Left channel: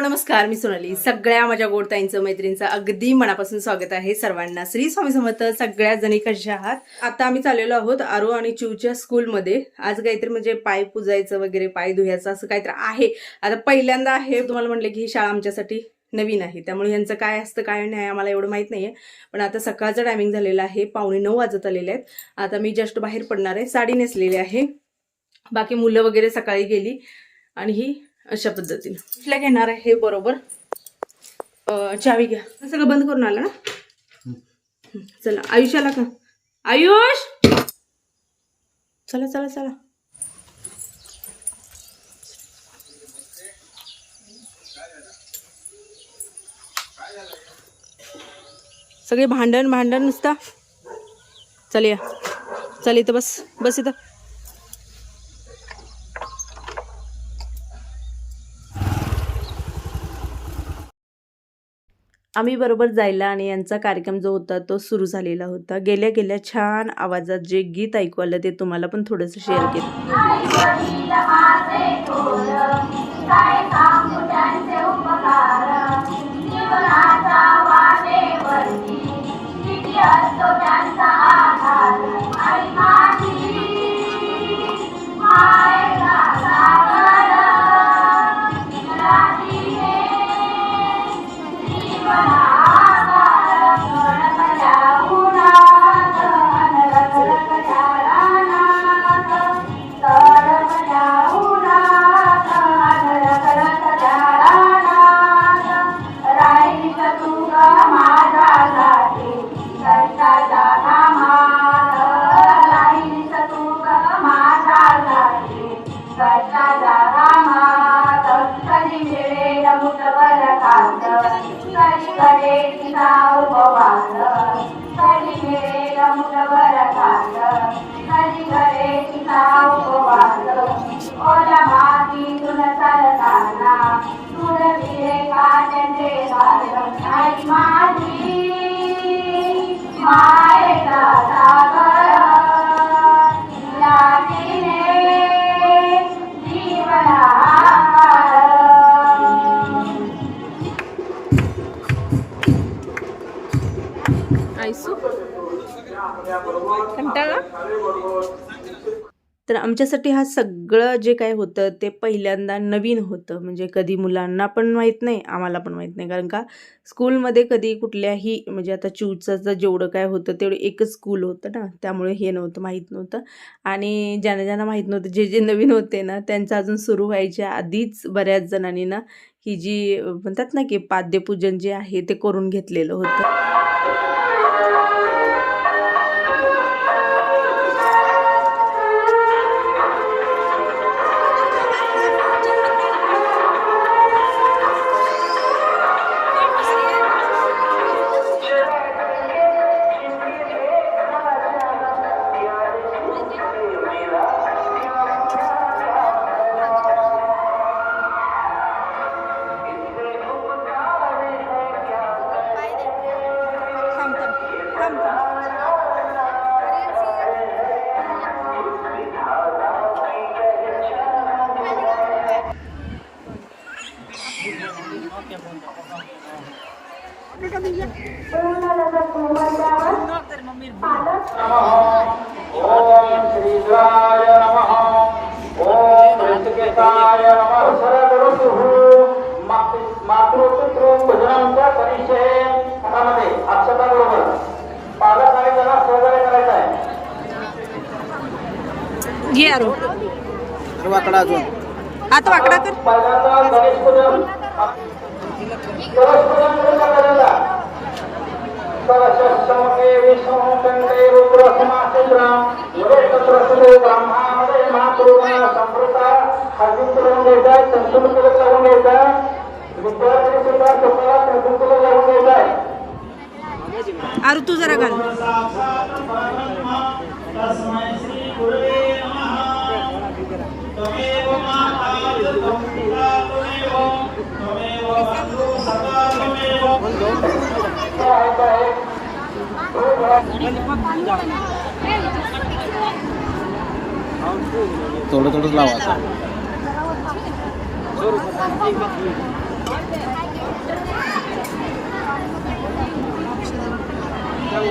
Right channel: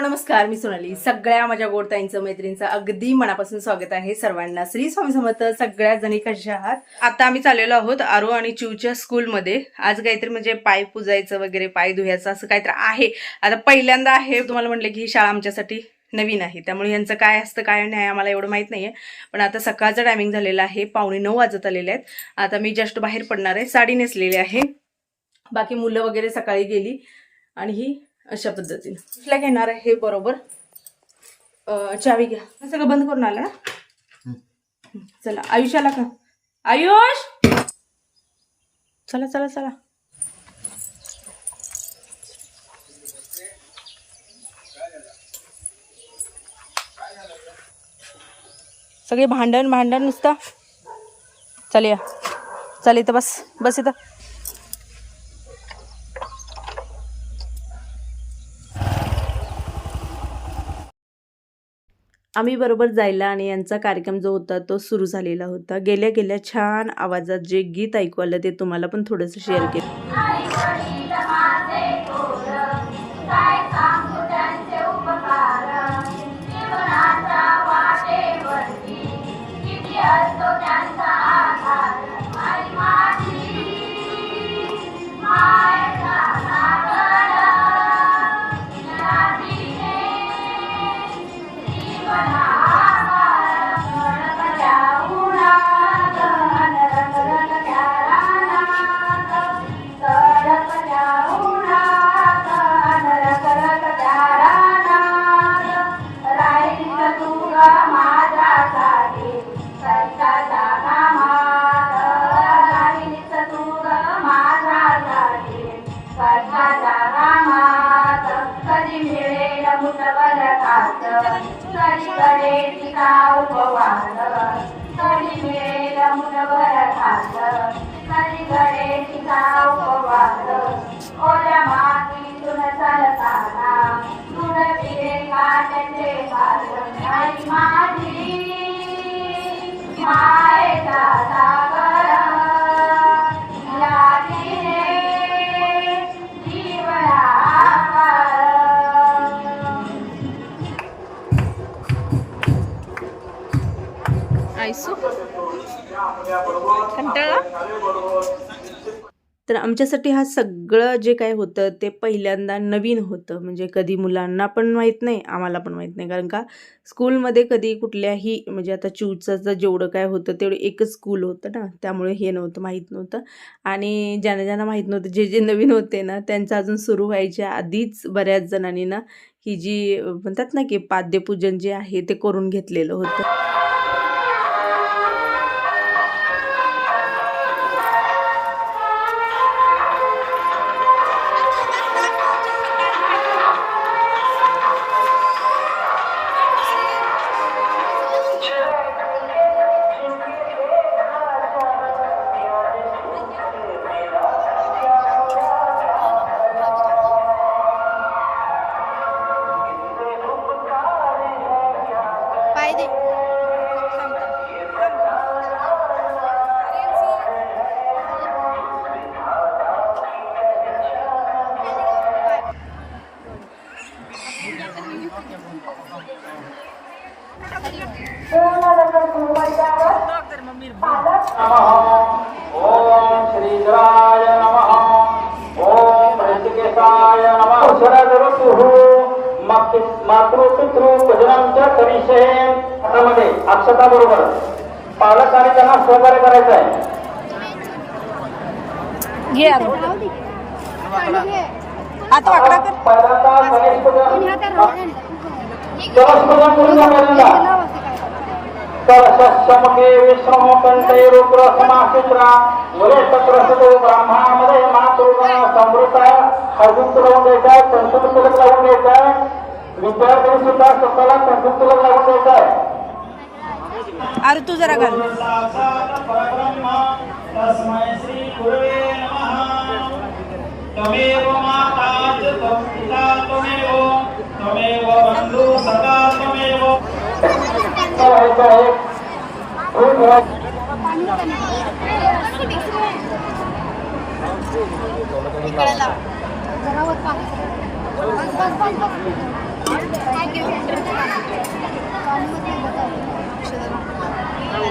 नमस्कार. मी सोनाली. सगळ्या माझ्या गोडताईंचं मैत्रिणींचं अगदी मनापासून स्वागत आहे सर्वांना. श्री स्वामी समर्थ सगळ्या जणी कशा आहात? आता आम्ही चाललेलो आहोत आरो आणि चिवच्या स्कूलमध्ये. आज काहीतरी म्हणजे पाय पुजायचं वगैरे पाय धुयाचं असं काहीतरी आहे. आता पहिल्यांदा आहे तुम्हाला म्हटलं की ही शाळा आमच्यासाठी नवीन आहे. त्यामुळे यांचं काय असतं काय नाही आम्हाला एवढं माहीत नाही आहे पण आता सकाळचं टायमिंग झालेलं आहे. पावणे नऊ वाजत आलेले आहेत. आता मी जस्ट बाहेर पडणार आहे. साडी नेसलेली आहे. बाकी मुलं वगैरे सकाळी गेली. आणि ही अशा पद्धतीने. कुठल्या घेणार आहे? हे बरोबर. अं, चावी घ्या. हे सगळं बंद करून आलं ना? चला आयुष आला का? आयुष! चला चला चला. सगळे भांडण भांडण नुसता. चल या. चल इथं बस. बस इथं. आम्ही बरोबर जायला आणि यांचा कार्यक्रम जो होता तो सुरू झालेला होता. गेल्या गेल्या छान आवाजात जे गीत ऐकू आलं ते तुम्हाला पण थोडंसं शेअर केलं. आयसू कंटाळा? तर आमच्यासाठी हा सगळं जे काय होतं ते पहिल्यांदा नवीन होतं. म्हणजे कधी मुलांना पण माहीत नाही आम्हाला पण माहीत नाही. कारण का स्कूलमध्ये कधी कुठल्याही म्हणजे आता चिवचाचं जेवढं काय होतं तेवढं एकच स्कूल होतं ना. त्यामुळे हे नव्हतं माहीत नव्हतं. आणि ज्यांना ज्यांना माहीत नव्हतं जे जे नवीन होते ना त्यांचं अजून सुरू व्हायच्या आधीच बऱ्याच जणांनी ना ही जी म्हणतात ना की पाद्यपूजन जे आहे ते करून घेतलेलं होतं. हातामध्ये अक्षता बरोबर पालक आणि त्यांना सहकार्य करायचं आहे. घे आरो आता वाकडा कर. करून विश्वमोकंते रुद्र समासजरा ब्रह्मामध्ये अजून करून संतुल करून विद्यार्थी सुद्धा स्वतःला संतुल घ्यायचा. आरू तू जरा घाल. तस्मै श्री गुरुवे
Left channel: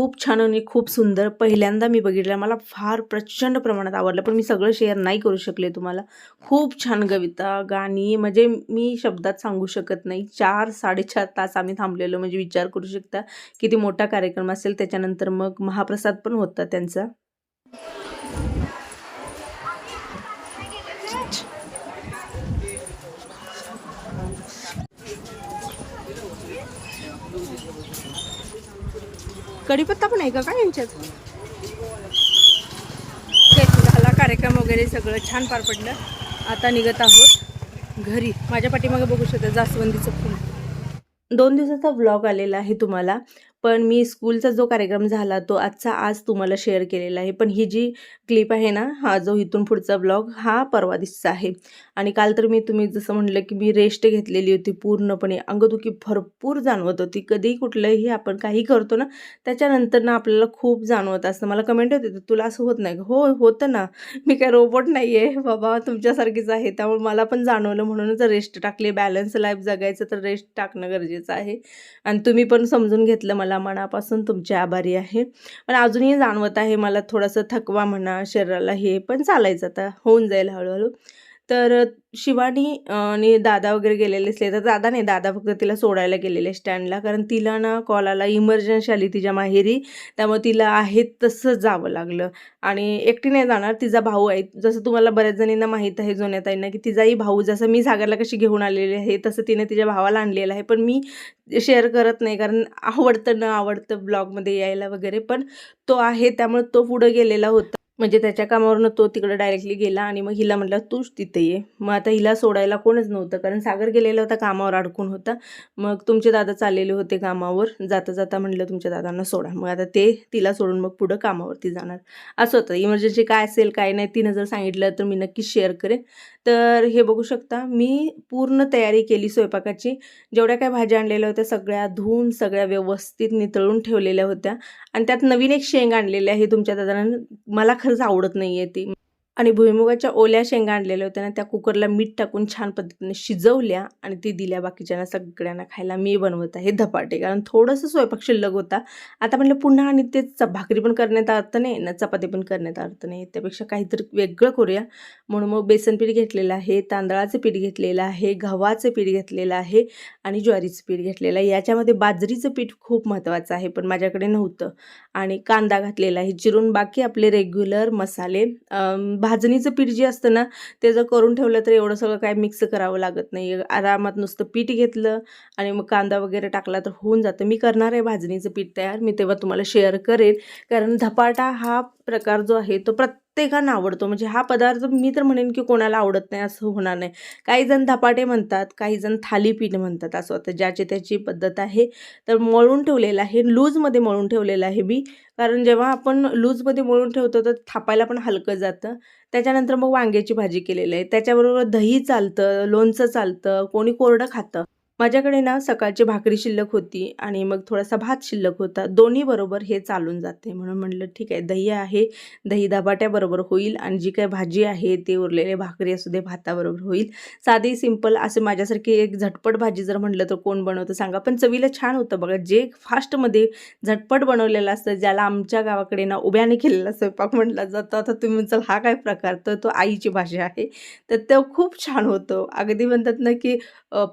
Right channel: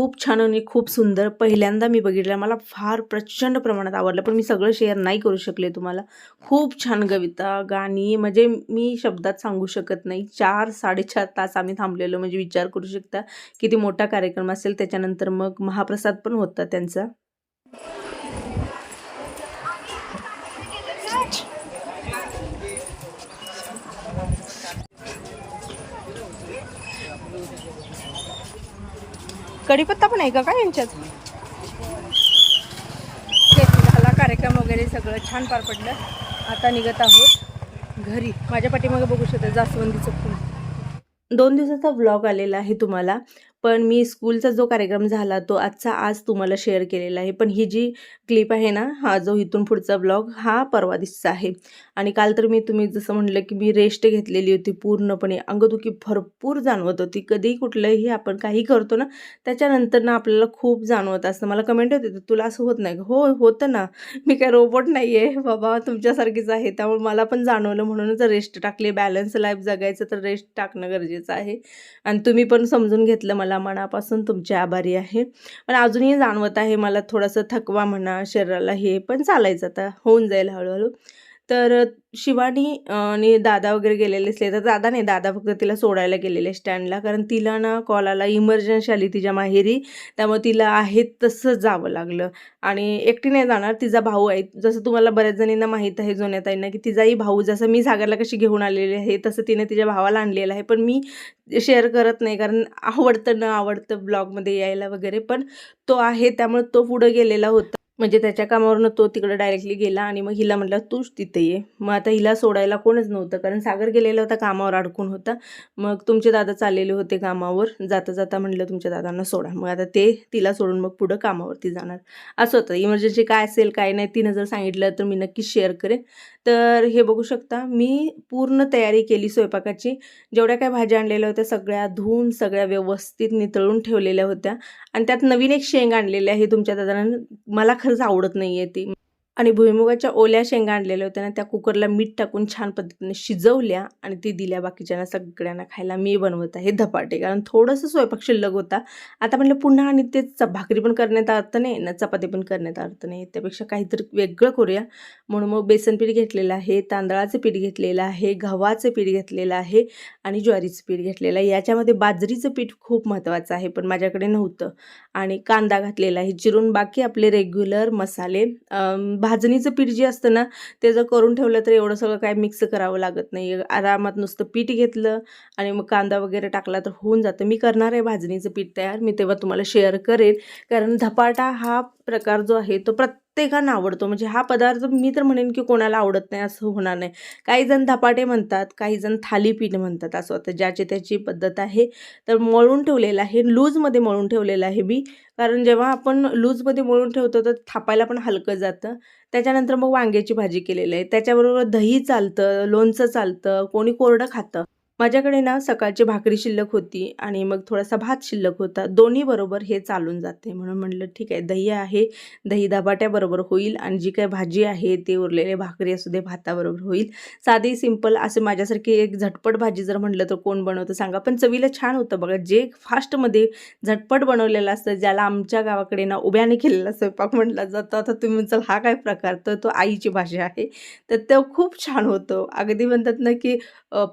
खूप छान आणि खूप सुंदर. पहिल्यांदा मी बघितलं. मला फार प्रचंड प्रमाणात आवडलं. पण मी सगळं शेअर नाही करू शकले तुम्हाला. खूप छान कविता गाणी. म्हणजे मी शब्दात सांगू शकत नाही. चार साडेचार तास आम्ही थांबलेलो. म्हणजे विचार करू शकता किती मोठा कार्यक्रम असेल. त्याच्यानंतर मग महाप्रसाद पण होता त्यांचा. कढीपत्ता पण आहे का यांच्यात? झाला कार्यक्रम वगैरे सगळं छान पार पडलं. आता निघत आहोत घरी. माझ्या पाठीमागे बघू शकता जास्वंदीचं फुल. दोन दिवसाचा व्लॉग आलेला आहे तुम्हाला. पण मी स्कूलचा जो कार्यक्रम झाला तो आजचा आज तुम्हाला शेअर केलेला आहे. पण ही जी क्लिप आहे ना हा जो इथून पुढचा ब्लॉग हा परवा दिसचा आहे. आणि काल तर मी तुम्ही जसं म्हटलं की मी रेस्ट घेतलेली होती पूर्णपणे. अंगदुखी भरपूर जाणवत होती. कधीही कुठलंही आपण काही करतो ना त्याच्यानंतर ना आपल्याला खूप जाणवत असतं. मला कमेंट होते तुला असं होत नाही का?" हो होतं ना. मी काय रोबोट नाही आहे बाबा तुमच्यासारखीच आहे. त्यामुळे मला पण जाणवलं. म्हणूनच रेस्ट टाकली. बॅलन्स लाईफ जगायचं तर रेस्ट टाकणं गरजेचं आहे. आणि तुम्ही पण समजून घेतलं मला. मनापासून तुमचे आभारी आहे. पण अजूनही जाणवत आहे मला थोडंसं थकवा म्हणा शरीराला हे पण चालायचं आता होऊन जाईल हळूहळू. तर शिवानी आणि दादा वगैरे गेलेले असले तर दादा नाही दादा फक्त तिला सोडायला गेलेले स्टँडला. कारण तिला ना कॉल आला इमर्जन्सी आली तिच्या माहेरी. त्यामुळे तिला आहे तसं जावं लागलं. आणि एकटी नाही जाणार तिचा भाऊ आहे. जसं तुम्हाला बऱ्याच जणींना माहीत आहे जुन्या ताईंना की तिचाही भाऊ जसं मी सागरला कशी घेऊन आलेली आहे तसं तिने तिच्या भावाला आणलेलं आहे. पण मी शेअर करत नाही कारण आवडतं न आवडतं ब्लॉगमध्ये यायला वगैरे. पण तो आहे त्यामुळे तो पुढं गेलेला होता. म्हणजे त्याच्या कामावरनं तो तिकडं डायरेक्टली गेला आणि मग हिला म्हटलं तूच तिथे ये. मग आता हिला सोडायला कोणच नव्हतं कारण सागर गेलेला होता कामावर अडकून होता. मग तुमचे दादा चाललेले होते कामावर. जाता जाता म्हटलं तुमच्या दादांना सोडा. मग आता ते तिला सोडून मग पुढं कामावरती जाणार. असं होतं. इमर्जन्सी काय असेल काय नाही तिनं जर सांगितलं तर मी नक्कीच शेअर करेन. तर हे बघू शकता मी पूर्ण तयारी केली स्वयंपाकाची. जेवढ्या काय भाज्या आणलेल्या होत्या सगळ्या धुवून सगळ्या व्यवस्थित नितळून ठेवलेल्या होत्या. आणि त्यात नवीन एक शेंग आणलेली आहे तुमच्या दादानं. मला खरंच आवडत नाही आहे ती. आणि भुईमुगाच्या ओल्या शेंगा आणलेल्या होत्या ना त्या कुकरला मीठ टाकून छान पद्धतीने शिजवल्या आणि ती दिल्या बाकीच्यांना सगळ्यांना खायला. मी बनवत आहे धपाटे कारण थोडंसं स्वयंपाक शिल्लक होता. आता म्हणलं पुन्हा आणि ते च- भाकरी पण करण्यात अर्थ नाही ना चपाती पण करण्यात अर्थ नाही. त्यापेक्षा काहीतरी वेगळं करूया. म्हणून मग बेसन पीठ घेतलेलं आहे तांदळाचं पीठ घेतलेलं आहे गव्हाचं पीठ घेतलेलं आहे आणि ज्वारीचं पीठ घेतलेलं आहे. याच्यामध्ये बाजरीचं पीठ खूप महत्त्वाचं आहे पण माझ्याकडे नव्हतं. आणि कांदा घातलेला आहे चिरून बाकी आपले रेग्युलर मसाले भा भाजणीचं पीठ जे असतं ना ते जर करून ठेवलं तर एवढं सगळं काय मिक्स करावं लागत नाही. आरामात नुसतं पीठ घेतलं आणि मग कांदा वगैरे टाकला तर होऊन जातं. मी करणार आहे भाजणीचं पीठ तयार. मी तेव्हा तुम्हाला शेअर करेन. कारण धपाटा हा प्रकार जो आहे तो प्रत्येकांना आवडतो. म्हणजे हा पदार्थ मी तर म्हणेन की कोणाला आवडत नाही असं होणार नाही. काही जण धपाटे म्हणतात काही जण थालीपीठ म्हणतात असं आता ज्याची त्याची पद्धत आहे. तर मळून ठेवलेलं आहे. लूजमध्ये मळून ठेवलेलं आहे मी. कारण जेव्हा आपण लूजमध्ये मळून ठेवतो तर थापायला पण हलकं जातं. त्याच्यानंतर मग वांग्याची भाजी केलेली आहे. त्याच्याबरोबर दही चालतं लोणचं चालतं कोणी कोरडं खातं. माझ्याकडे ना सकाळची भाकरी शिल्लक होती आणि मग थोडासा भात शिल्लक होता. दोन्ही बरोबर हे चालून जाते. म्हणून म्हटलं ठीक आहे दही आहे. दही दबाट्याबरोबर होईल आणि जी काही भाजी आहे ते उरलेले भाकरी असू दे भाताबरोबर होईल. साधी सिंपल असे माझ्यासारखी एक झटपट भाजी जर म्हटलं तर कोण बनवतं सांगा. पण चवीला छान होतं बघा. जे फास्टमध्ये झटपट बनवलेलं असतं ज्याला आमच्या गावाकडे ना उभ्याने केलेला स्वयंपाक म्हटला जातो. आता तुम्ही म्हणचाल हा काय प्रकार? तर तो आईची भाषा आहे. तर तो खूप छान होतं. अगदी म्हणतात ना की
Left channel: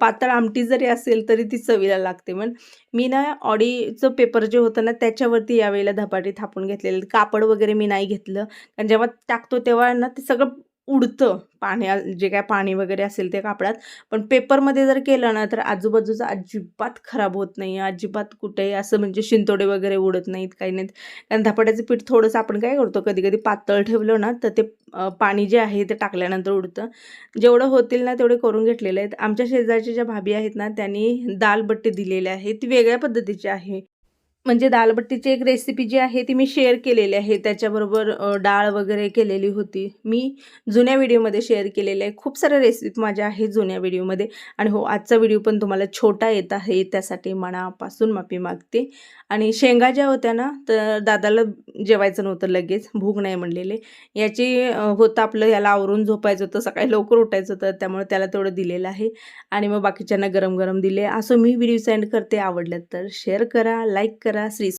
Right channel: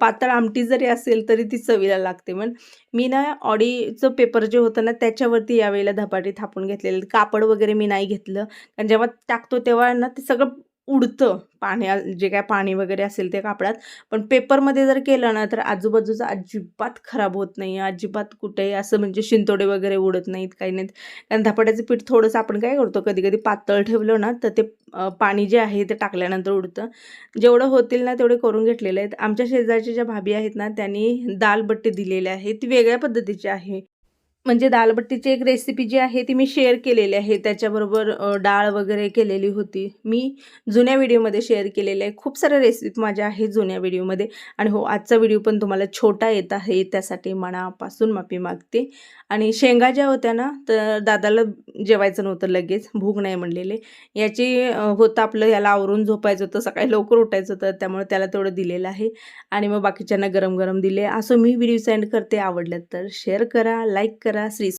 पातळ आमटी जर असेल तरी ती चवीला लागते. पण मी ना ऑडीचं पेपर जे होतं ना त्याच्यावरती यावेळेला धपाटी थापून घेतलेले. कापड वगैरे मी नाही घेतलं. कारण जेव्हा टाकतो तेव्हा ना ते सगळं उडतं पाण्या जे काय पाणी वगैरे असेल ते कापडात. पण पेपरमध्ये जर केलं ना तर आजूबाजूचं अजिबात खराब होत नाही. अजिबात कुठेही असं म्हणजे शिंतोडे वगैरे उडत नाहीत काही नाहीत. कारण धपाट्याचं पीठ थोडंसं आपण काय करतो कधी कधी पातळ ठेवलं ना तर ते पाणी जे आहे ते टाकल्यानंतर उडतं. जेवढं होतील ना तेवढे करून घेतलेले आहेत. आमच्या शेजारच्या ज्या भाभी आहेत ना त्यांनी दालबट्टे दिलेले आहेत. ती वेगळ्या पद्धतीची आहे. म्हणजे दालबट्टीची एक रेसिपी जी आहे ती मी शेअर केलेली आहे. त्याच्याबरोबर डाळ वगैरे केलेली होती. मी जुन्या व्हिडिओमध्ये शेअर केलेल्या आहे. खूप साऱ्या रेसिपी माझ्या आहेत जुन्या व्हिडिओमध्ये आणि हो आजचा व्हिडिओ पण तुम्हाला छोटा येत आहे त्यासाठी मनापासून माफी मागते. आणि शेंगा ज्या होत्या ना तर दादाला जेवायचं नव्हतं लगेच भूक नाही म्हणलेले. याची होतं आपलं याला आवरून झोपायचं होतं सकाळी लवकर उठायचं होतं त्यामुळे त्याला तेवढं दिलेलं आहे. आणि मग बाकीच्यांना गरम गरम दिले. असं मी व्हिडिओ सेंड करते. आवडलं तर शेअर करा लाईक करा. श्री